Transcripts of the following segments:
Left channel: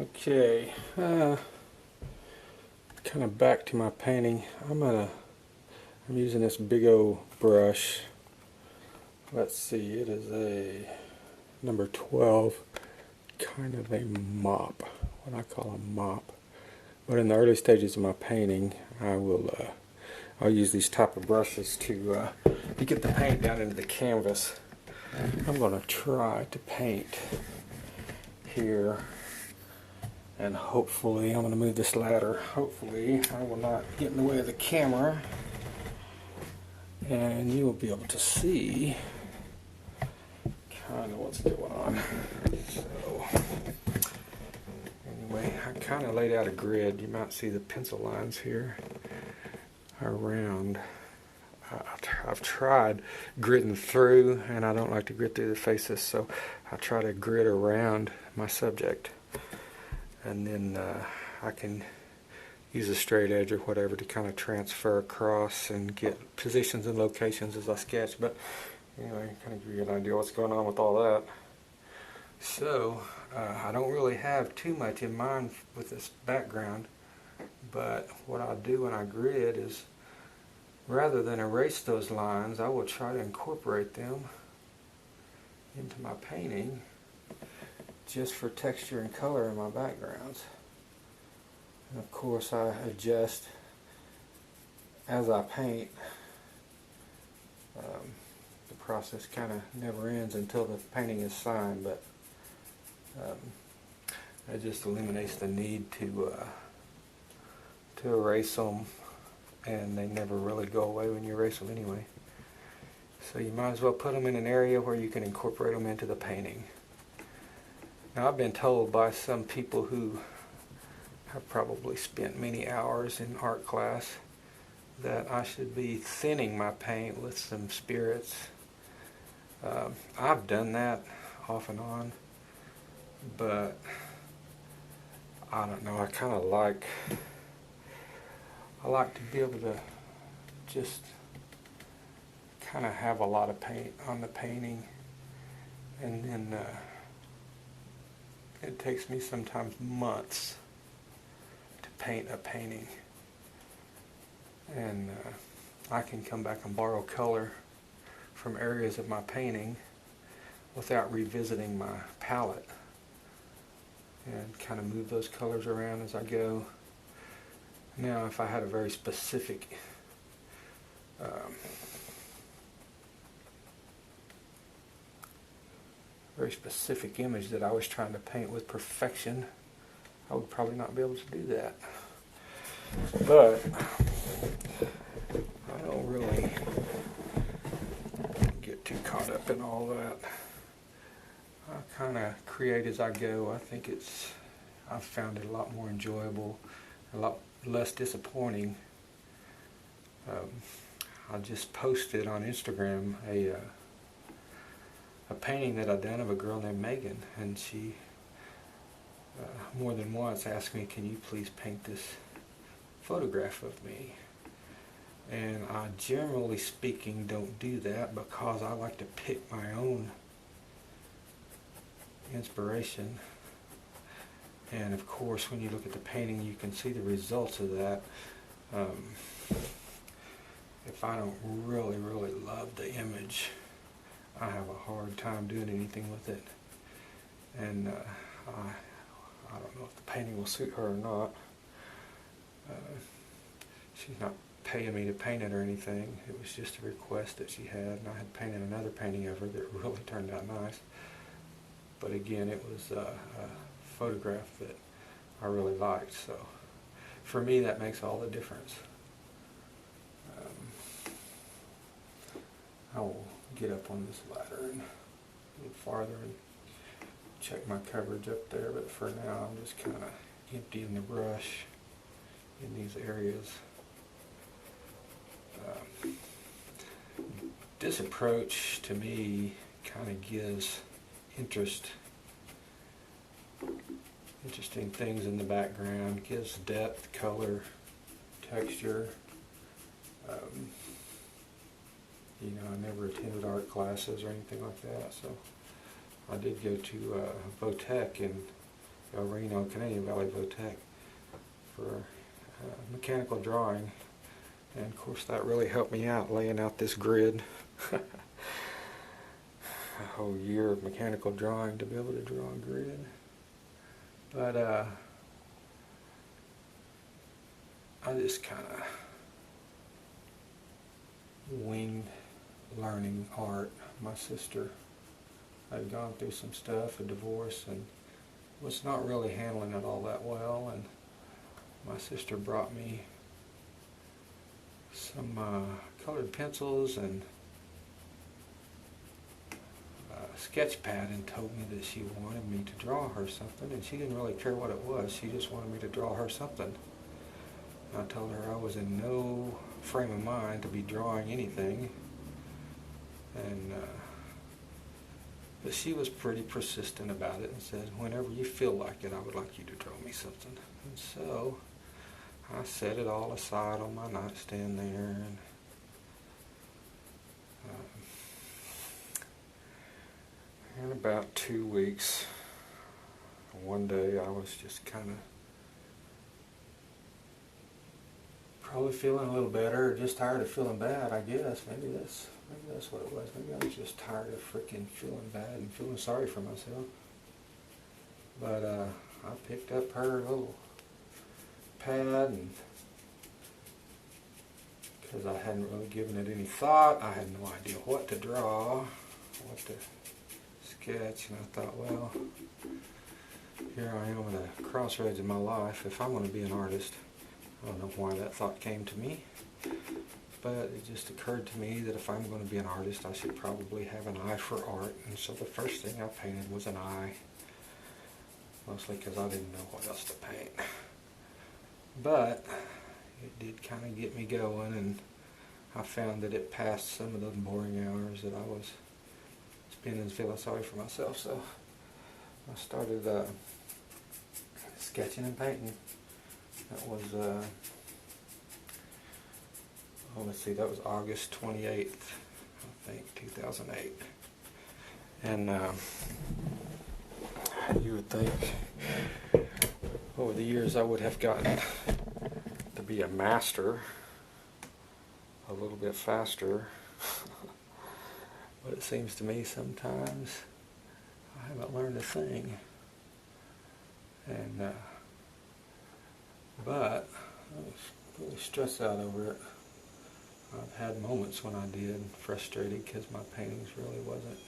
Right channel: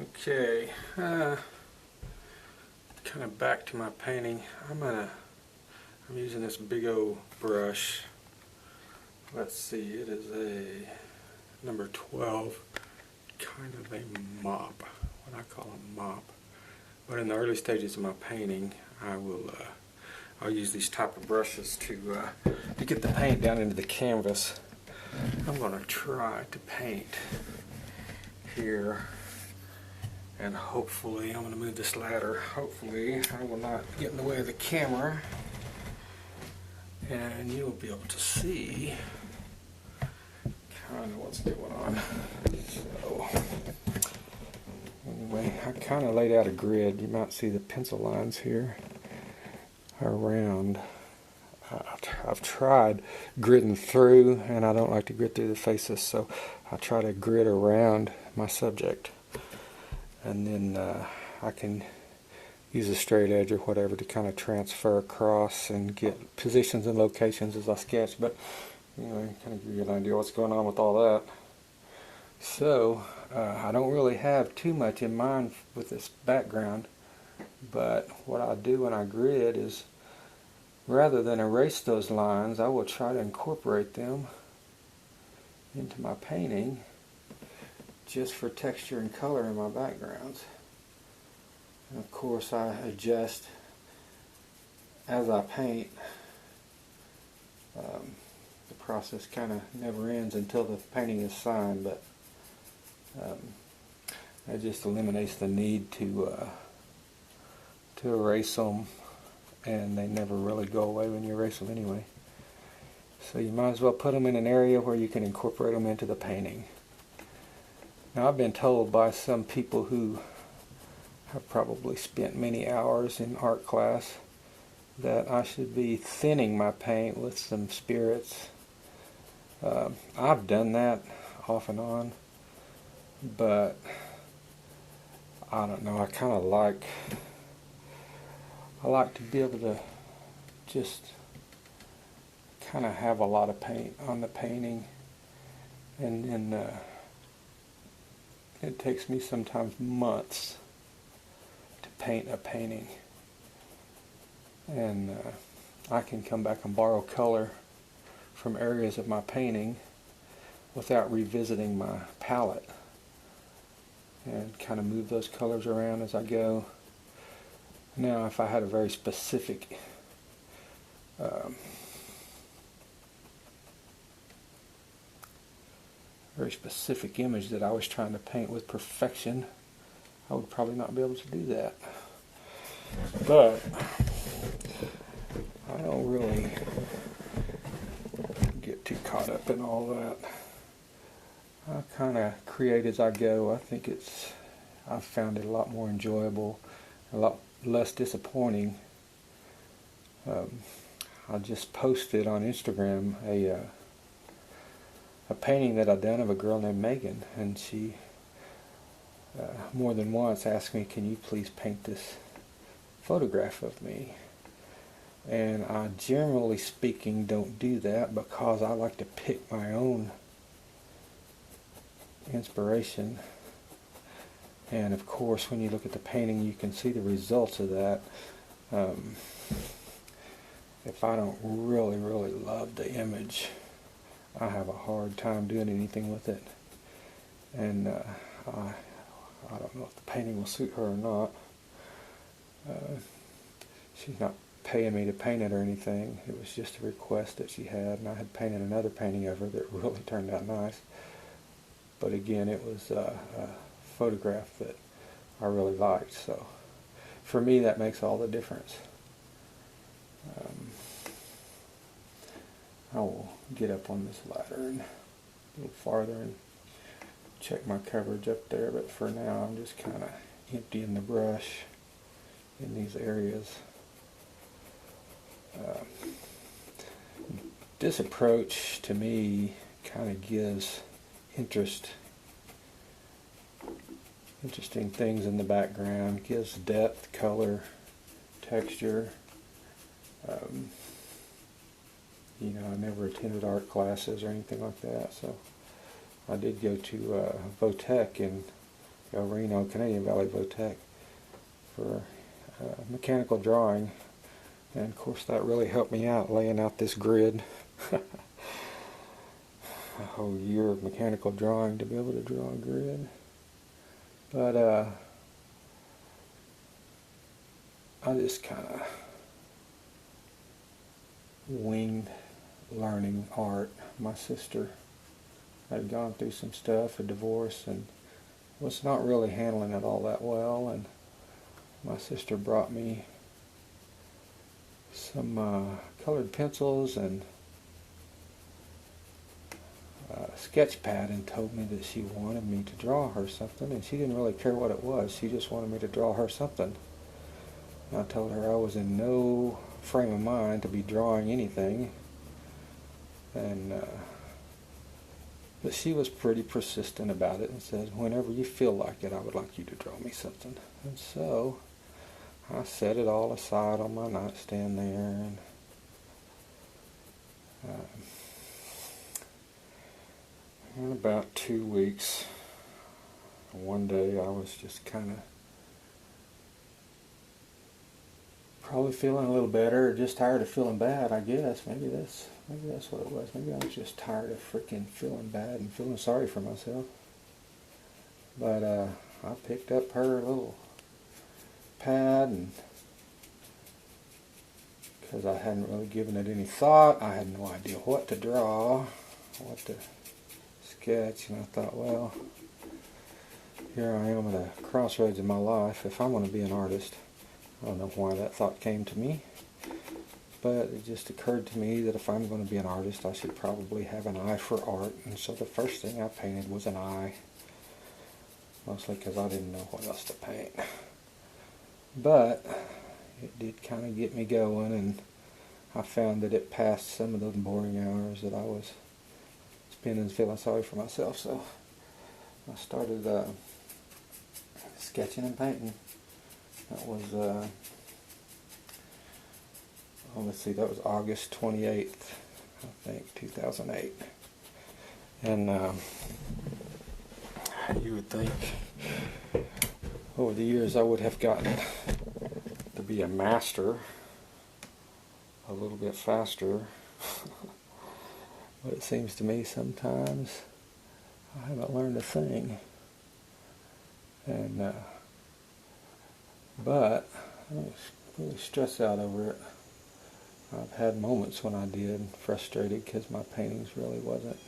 Okay, kind of back to my painting. I'm using this big old brush. Let's see, it is a number 12, kind of a mop, what I call a mop. But in the early stages of my painting, I'll use these type of brushes to get the paint down into the canvas. I'm going to try to paint here, and hopefully, I'm going to move this ladder. Hopefully, I will not get in the way of the camera, and you will be able to see kind of what's going on. So, anyway, I kind of laid out a grid. You might see the pencil lines here around. I've tried gridding through, and I don't like to grid through the faces, so I try to grid around my subject, and then I can use a straight edge or whatever to kind of transfer across and get positions and locations as I sketch. But anyway, kind of give you an idea what's going on with all that. So I don't really have too much in mind with this background, but what I do when I grid is, rather than erase those lines, I will try to incorporate them into my painting just for texture and color in my backgrounds. And of course I adjust as I paint. The process kind of never ends until the painting is signed, but that just eliminates the need to erase them, and they never really go away when you erase them anyway. So you might as well put them in an area where you can incorporate them into the painting. Now, I've been told by some people who have probably spent many hours in art class that I should be thinning my paint with some spirits. I've done that off and on, but I don't know, I kind of I like to be able to just kind of have a lot of paint on the painting, and then it takes me sometimes months to paint a painting, and I can come back and borrow color from areas of my painting without revisiting my palette, and kind of move those colors around as I go. Now, if I had a very specific image that I was trying to paint with perfection, I would probably not be able to do that. But I don't really get too caught up in all that. I kind of create as I go. I think I've found it a lot more enjoyable, a lot less disappointing. I just posted on Instagram a painting that I've done of a girl named Megan, and she more than once asked me, "Can you please paint this photograph of me?" And I, generally speaking, don't do that because I like to pick my own inspiration. And of course, when you look at the painting, you can see the results of that. If I don't really love the image, I have a hard time doing anything with it. And I don't know if the painting will suit her or not. She's not paying me to paint it or anything. It was just a request that she had, and I had painted another painting of her that really turned out nice. But again, it was a photograph that I really liked, so for me that makes all the difference. I will get up on this ladder and a little farther and check my coverage up there, but for now I'm just kind of emptying the brush in these areas. This approach to me kind of gives interesting things in the background, gives depth, color, texture. I never attended art classes or anything like that, so I did go to Votech in Reno, Canadian Valley Vo-Tech, for mechanical drawing. And of course that really helped me out, laying out this grid. A whole year of mechanical drawing to be able to draw a grid. But I just kind of winged learning art. My sister had gone through some stuff, a divorce, and was not really handling it all that well, and my sister brought me some colored pencils and a sketch pad and told me that she wanted me to draw her something, and she didn't really care what it was. She just wanted me to draw her something. And I told her I was in no frame of mind to be drawing anything, and but she was pretty persistent about it and said, whenever you feel like it, I would like you to draw me something. And so I set it all aside on my nightstand there, and in about 2 weeks, one day I was just kind of probably feeling a little better, or just tired of feeling bad, I guess. Maybe that's what it was. Maybe I was just tired of freaking feeling bad and feeling sorry for myself. But I picked up her little pad, and because I hadn't really given it any thought, I had no idea what to draw, what to sketch, and I thought, well, here I am at a crossroads in my life. If I'm going to be an artist, I don't know why that thought came to me, but it just occurred to me that if I'm going to be an artist, I should probably have an eye for art. And so the first thing I painted was an eye, mostly because I didn't know what else to paint. But it did kind of get me going, and I found that it passed some of those boring hours that I was spending feeling sorry for myself. So I started sketching and painting. That was, let's see, that was August 28th, I think, 2008. And you would think over the years I would have gotten to be a master a little bit faster. But it seems to me sometimes I haven't learned a thing. And but I was really stressed out over it. I've had moments when I did, frustrated because my paintings really wasn't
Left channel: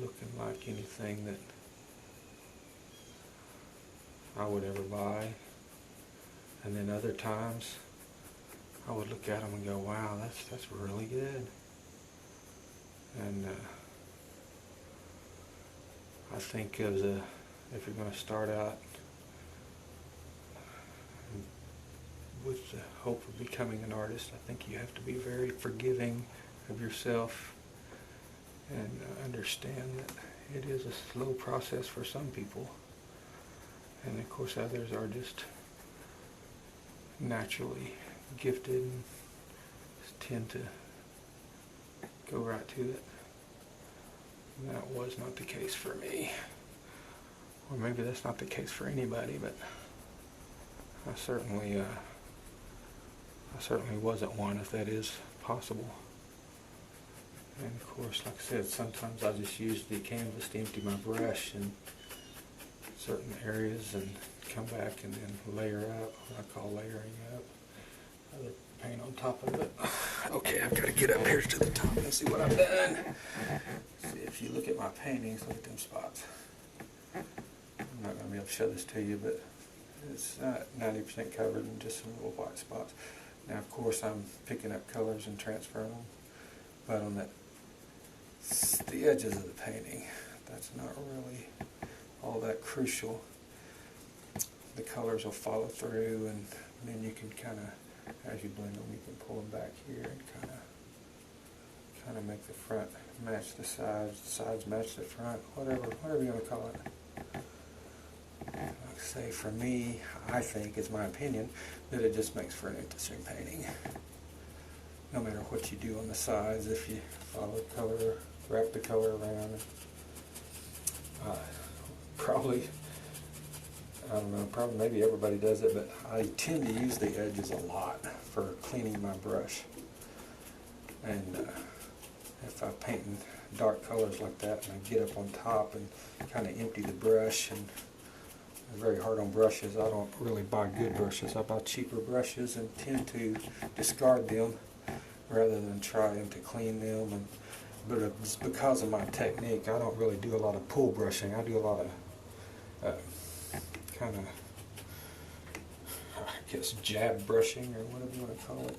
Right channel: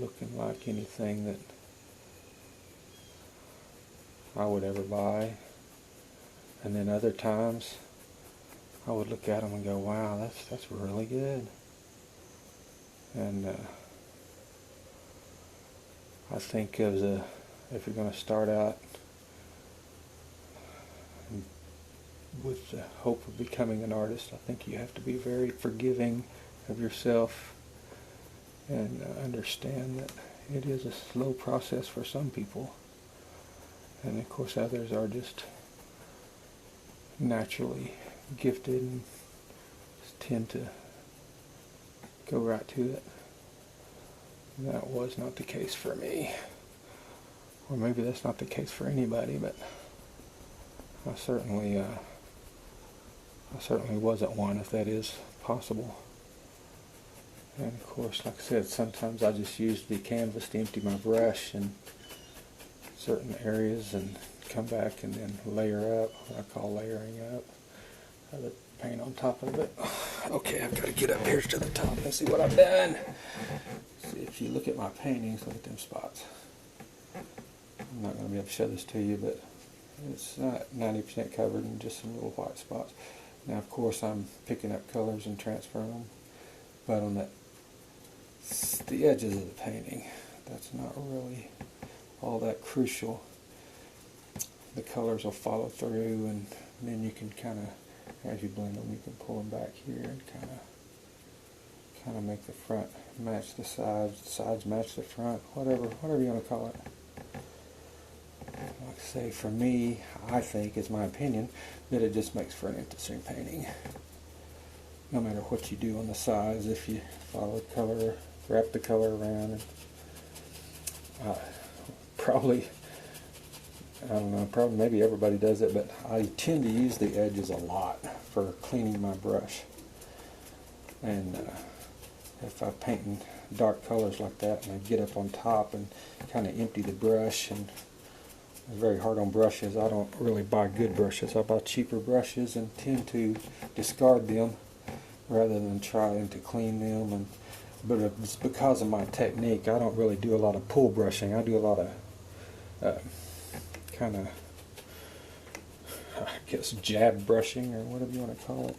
looking like anything that I would ever buy. And then other times I would look at them and go, wow, that's really good. And I think if you're going to start out with the hope of becoming an artist, I think you have to be very forgiving of yourself and understand that it is a slow process for some people. And of course others are just naturally gifted and tend to go right to it. That was not the case for me. Or maybe that's not the case for anybody, but I certainly wasn't one, if that is possible. And of course, like I said, sometimes I just use the canvas to empty my brush in certain areas and come back and then layer up, what I call layering up. Other paint on top of it. Okay, I've got to get up here to the top and see what I've done. See, if you look at my paintings, look at them spots. I'm not going to be able to show this to you, but it's not 90% covered in just some little white spots. Now, of course, I'm picking up colors and transferring them, but on the edges of the painting, that's not really all that crucial. The colors will follow through, and then you can kind of, as you blend them, you can pull them back here and kind of make the front match the sides match the front, whatever you want to call it. Like I say, for me, I think, it's my opinion, that it just makes for an interesting painting. No matter what you do on the sides, if you follow color wrap the color around. And, probably, I don't know, probably maybe everybody does it, but I tend to use the edges a lot for cleaning my brush. And if I'm painting dark colors like that, and I get up on top and kind of empty the brush, and I'm very hard on brushes. I don't really buy good brushes. I buy cheaper brushes and tend to discard them rather than trying to clean them. But it's because of my technique. I don't really do a lot of pull brushing. I do a lot of kind of, I guess, jab brushing or whatever you want to call it.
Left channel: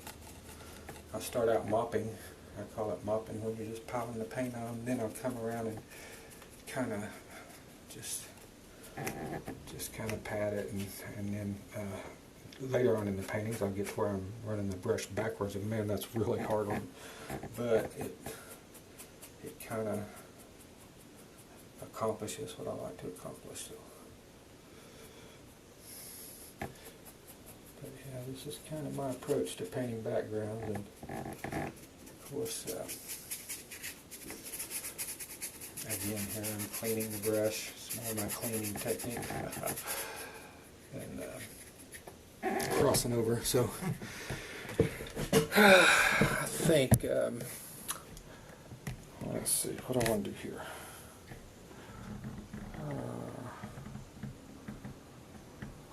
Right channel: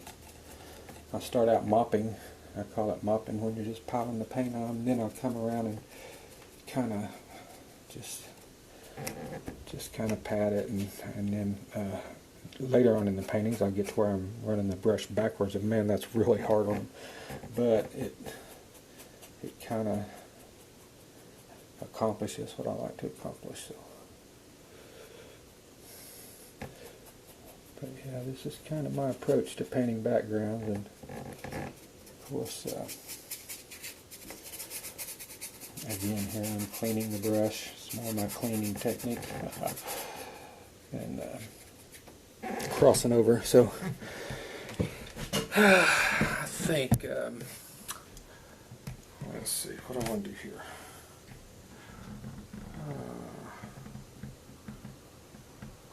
I start out mopping. I call it mopping when you're just piling the paint on. Then I'll come around and kind of just kind of pat it, and then later on in the paintings I'll get to where I'm running the brush backwards, and man, that's really hard on, but it kind of accomplishes what I like to accomplish. So, but yeah, this is kind of my approach to painting backgrounds, and of course, again here I'm cleaning the brush. It's more my cleaning technique, and crossing over. So I think, let's see, what do I want to do here?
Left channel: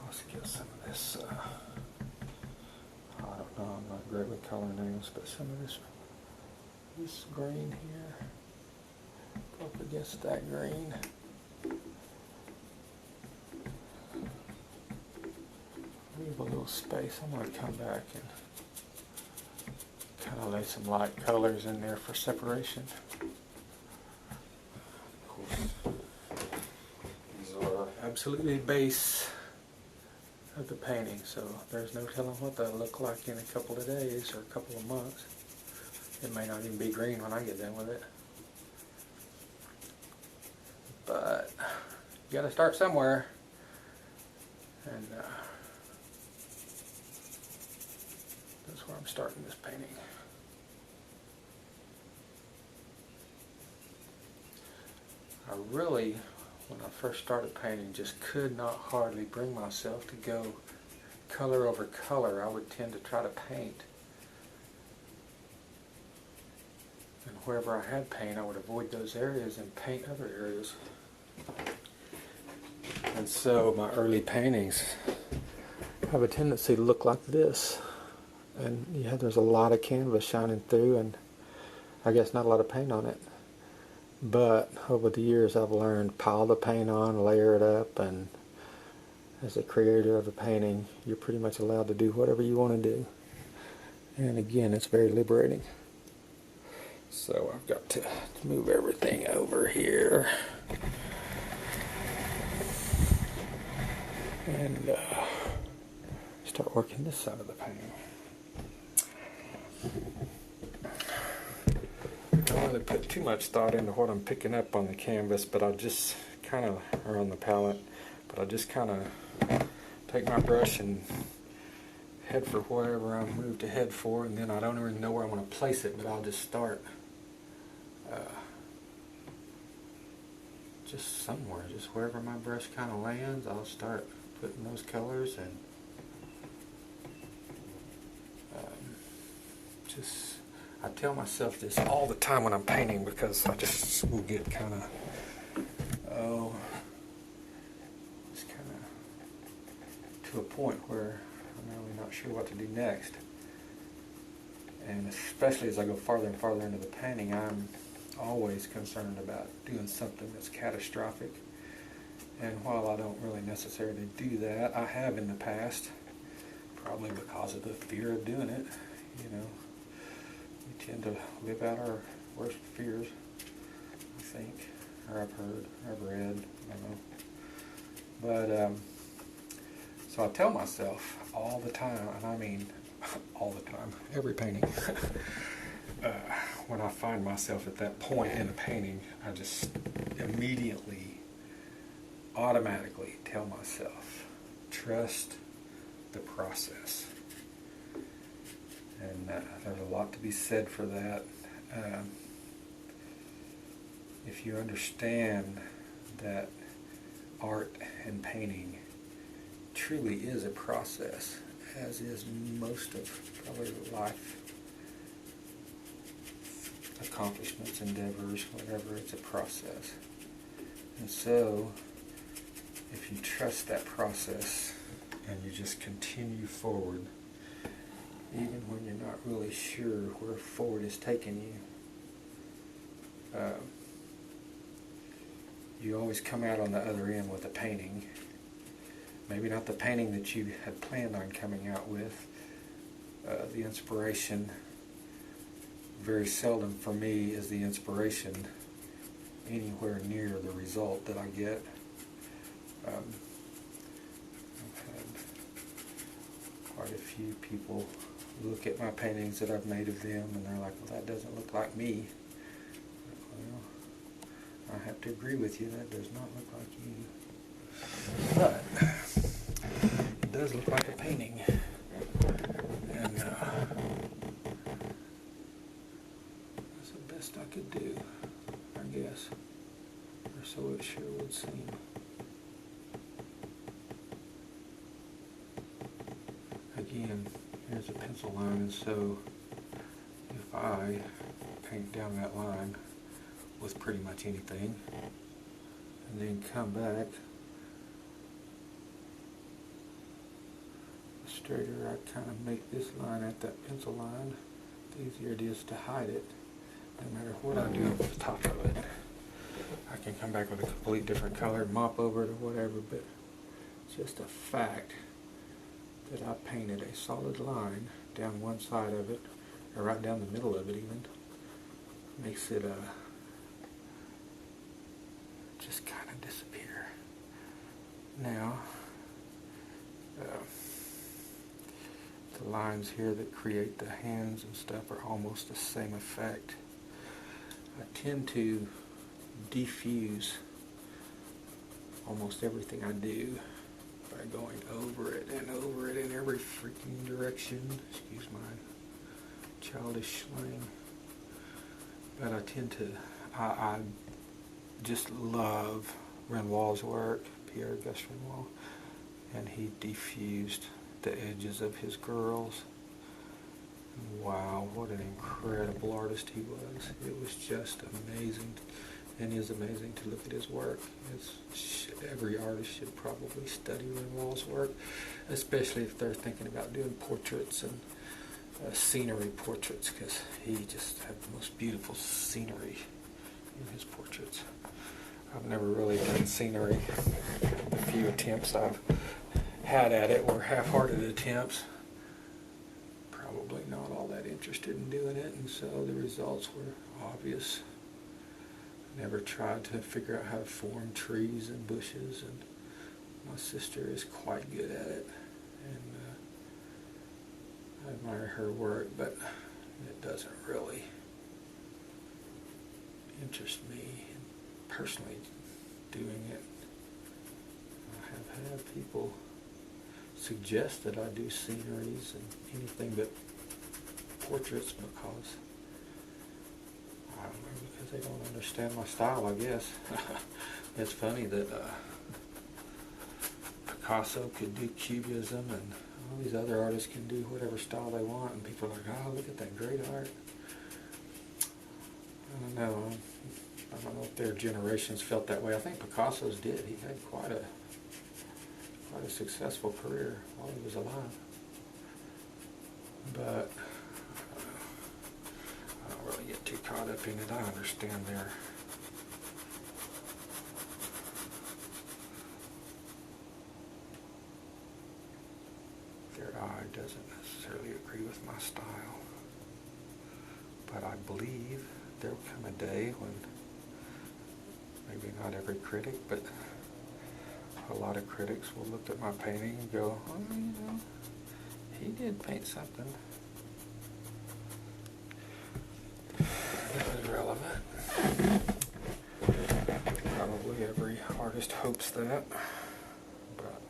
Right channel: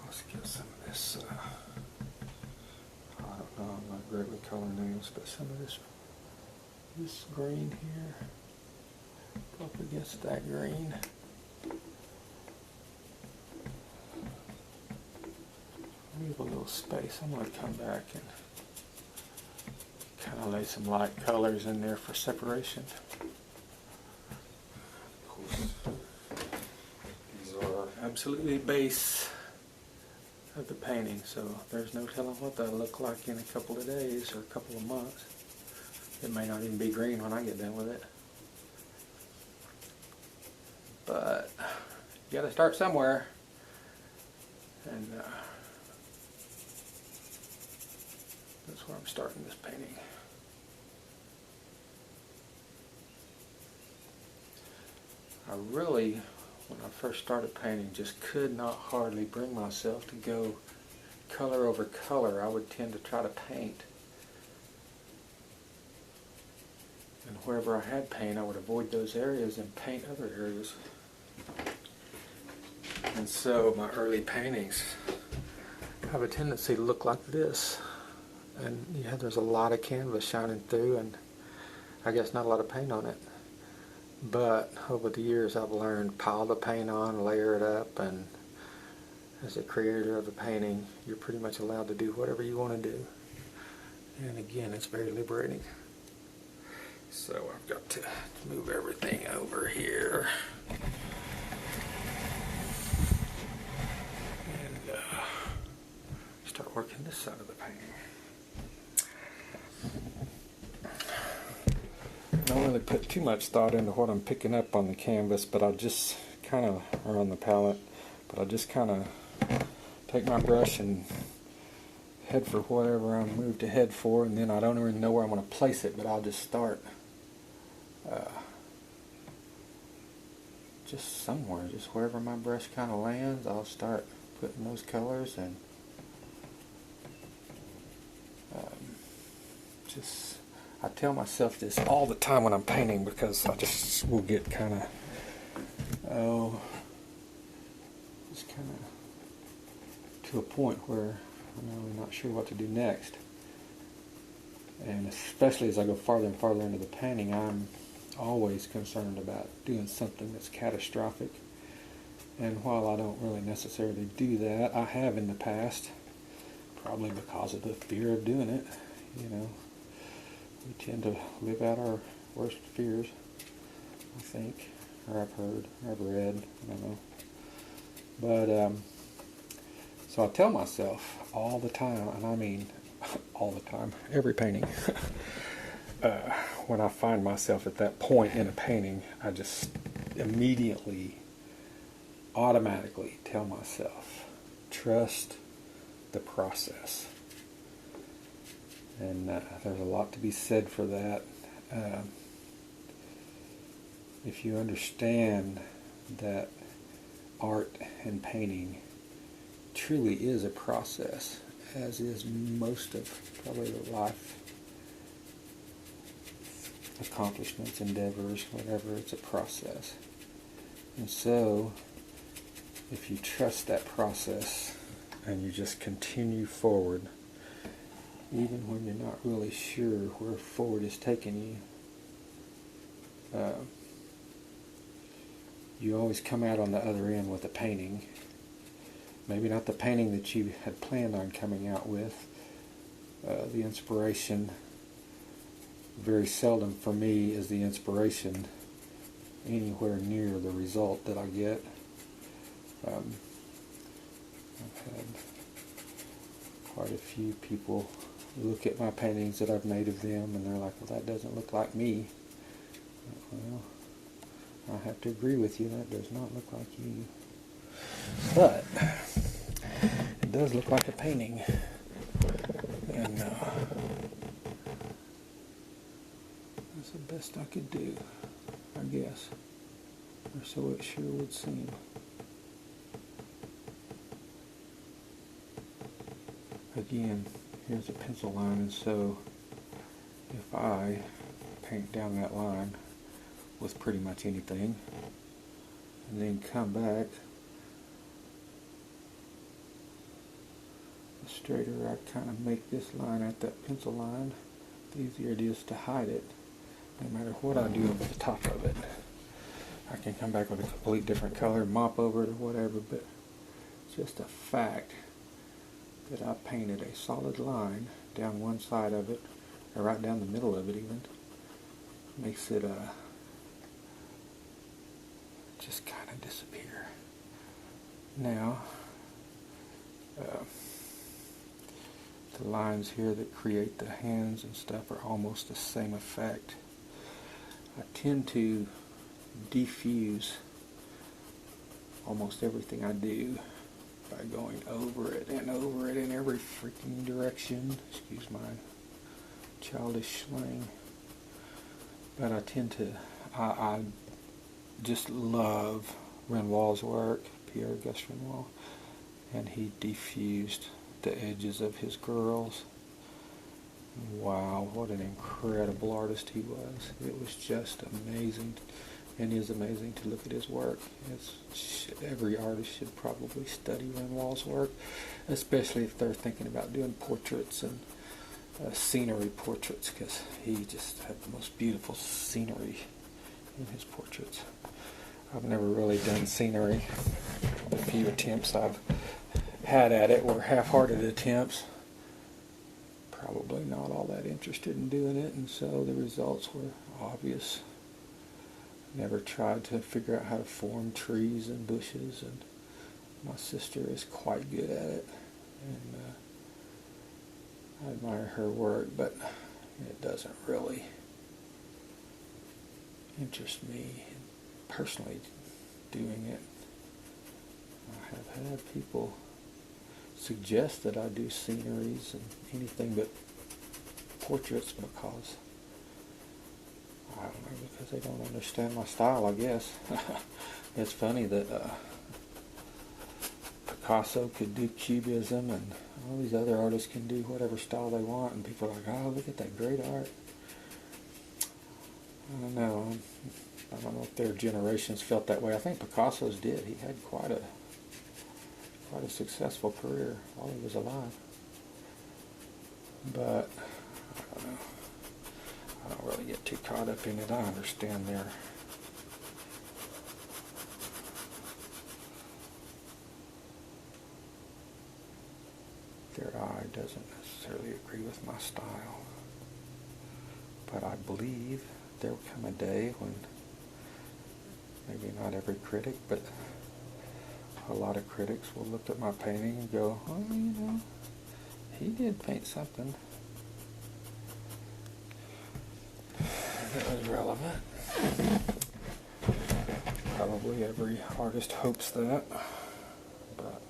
Let's get some of this, I don't know, I'm not great with color names, but some of this green here, go up against that green. Leave a little space. I'm going to come back and kind of lay some light colors in there for separation. Of course, these are absolutely base of the painting, so there's no telling what that'll look like in a couple of days or a couple of months. It may not even be green when I get done with it. But you got to start somewhere, and that's where I'm starting this painting. I really, when I first started painting, just could not hardly bring myself to go color over color. I would tend to try to paint, and wherever I had paint, I would avoid those areas and paint other areas. And so my early paintings have a tendency to look like this. And yeah, there's a lot of canvas shining through, and I guess not a lot of paint on it. But over the years I've learned pile the paint on, layer it up, and as a creator of a painting, you're pretty much allowed to do whatever you want to do. And again, it's very liberating. So I've got to move everything over here. And start working this side of the painting. I don't really put too much thought into what I'm picking up on the canvas, but I just kind of, or on the palette, but I just kind of take my brush and head for whatever I'm moved to head for, and then I don't even know where I'm going to place it, but I'll just start just somewhere, just wherever my brush kind of lands. I'll start putting those colors, and just, I tell myself this all the time when I'm painting, because I just will get kind of, just kind of to a point where I'm really not sure what to do next. And especially as I go farther and farther into the painting, I'm always concerned about doing something that's catastrophic. And while I don't really necessarily do that, I have in the past, probably because of the fear of doing it. You know, we tend to live out our worst fears, I think, or I've heard, or I've read, I don't know. But, so I tell myself all the time, and I mean all the time, every painting, when I find myself at that point in a painting, I just immediately, automatically tell myself, trust the process. And there's a lot to be said for that. if you understand that art and painting truly is a process, as is most of probably life accomplishments, endeavors, whatever, it's a process. And so, if you trust that process and you just continue forward, even when you're not really sure where forward is taking you, you always come out on the other end with a painting. Maybe not the painting that you had planned on coming out with. The inspiration, very seldom for me is the inspiration anywhere near the result that I get. I've had quite a few people look at my paintings that I've made of them and they're like, well, that doesn't look like me. Well, I have to agree with you, that does not look like you. But it does look like a painting. And that's the best I could do, I guess. Or so it sure would seem. Again, here's a pencil line, and so if I paint down that line with pretty much anything, and then come back, the straighter I kind of make this line at that pencil line, the easier it is to hide it, no matter what I do over the top of it. I can come back with a complete different color, mop over it or whatever, but it's just a fact that I painted a solid line down one side of it, or right down the middle of it even. Makes it just kind of disappear. Now, the lines here that create the hands and stuff are almost the same effect. I tend to diffuse almost everything I do by going over it in every freaking direction. Excuse my childish slang. But I tend to, I just love Renoir's work, Pierre-Auguste Renoir, and he diffused the edges of his girls. Wow, what an incredible artist he was. It was just amazing, and is amazing to look at his work. Every artist should probably study Renoir's work, especially if they're thinking about doing portraits and scenery portraits, because he just had the most beautiful scenery in his portraits. I've never really done scenery. The few attempts I've had at it were half-hearted attempts. Probably not all that interested in doing it, and so the results were obvious. Never tried to figure out how to form trees and bushes, and my sister is quite good at it, and I admire her work, but it doesn't really interest me personally doing it. I have had people suggest that I do sceneries and anything but portraits because, I don't know, because they don't understand my style, I guess. It's funny that Picasso could do cubism and all these other artists can do whatever style they want, and people are like, oh, look at that great art. I don't know. I don't know if their generations felt that way. I think Picasso's did. He had quite a successful career while he was alive. But I don't know. I don't really get too caught up in it. I understand their eye doesn't necessarily agree with my style. But I believe there will come a day when maybe not every critic, but a lot of critics will look at my painting and go, oh, you know, he did paint something that was relevant. Probably every artist hopes that, but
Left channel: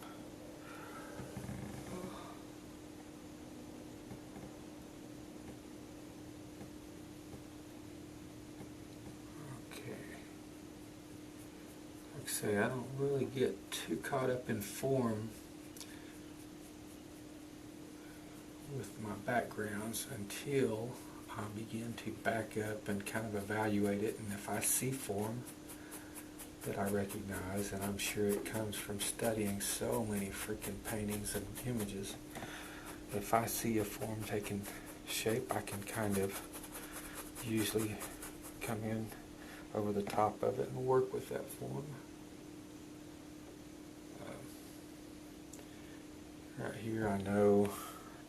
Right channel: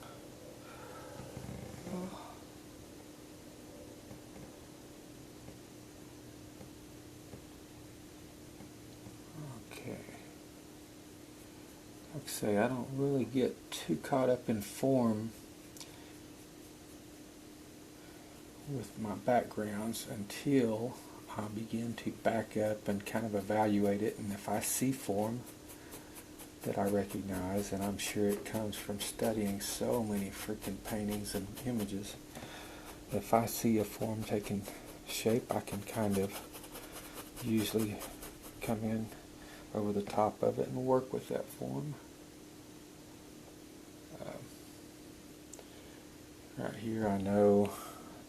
okay. like I say, I don't really get too caught up in form with my backgrounds until I begin to back up and kind of evaluate it. And if I see form that I recognize, and I'm sure it comes from studying so many freaking paintings and images, if I see a form taking shape, I can kind of usually come in over the top of it and work with that form. Right here, I know,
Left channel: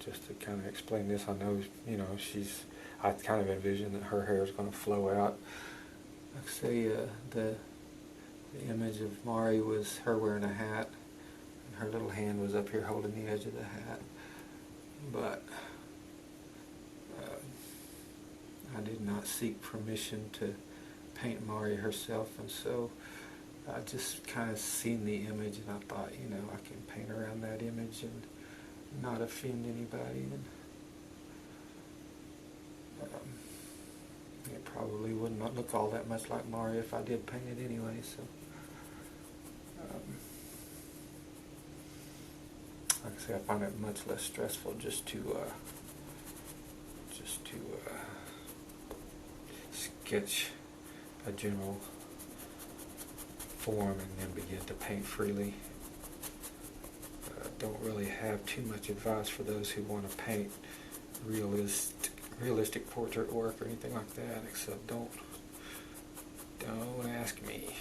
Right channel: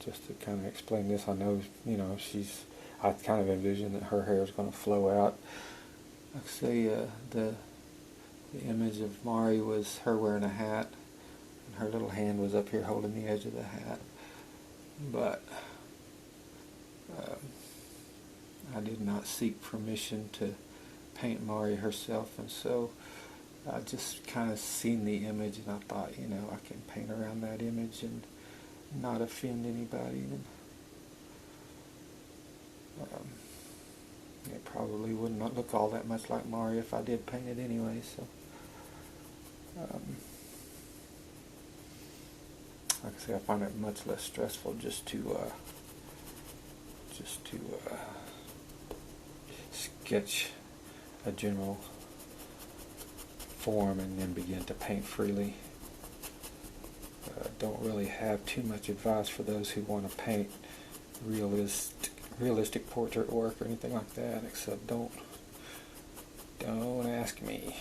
just to kind of explain this, I know, you know, I kind of envision that her hair is going to flow out. Like I say, the image of Mari was her wearing a hat, and her little hand was up here holding the edge of the hat. But I did not seek permission to paint Mari herself, and so I just kind of seen the image, and I thought, you know, I can paint around that image and not offend anybody. And it probably would not look all that much like Mari if I did paint it anyway. So, like I say, I find it much less stressful just to sketch a general form and then begin to paint freely. Don't really have too much advice for those who want to paint realistic portrait work or anything like that, except don't ask me.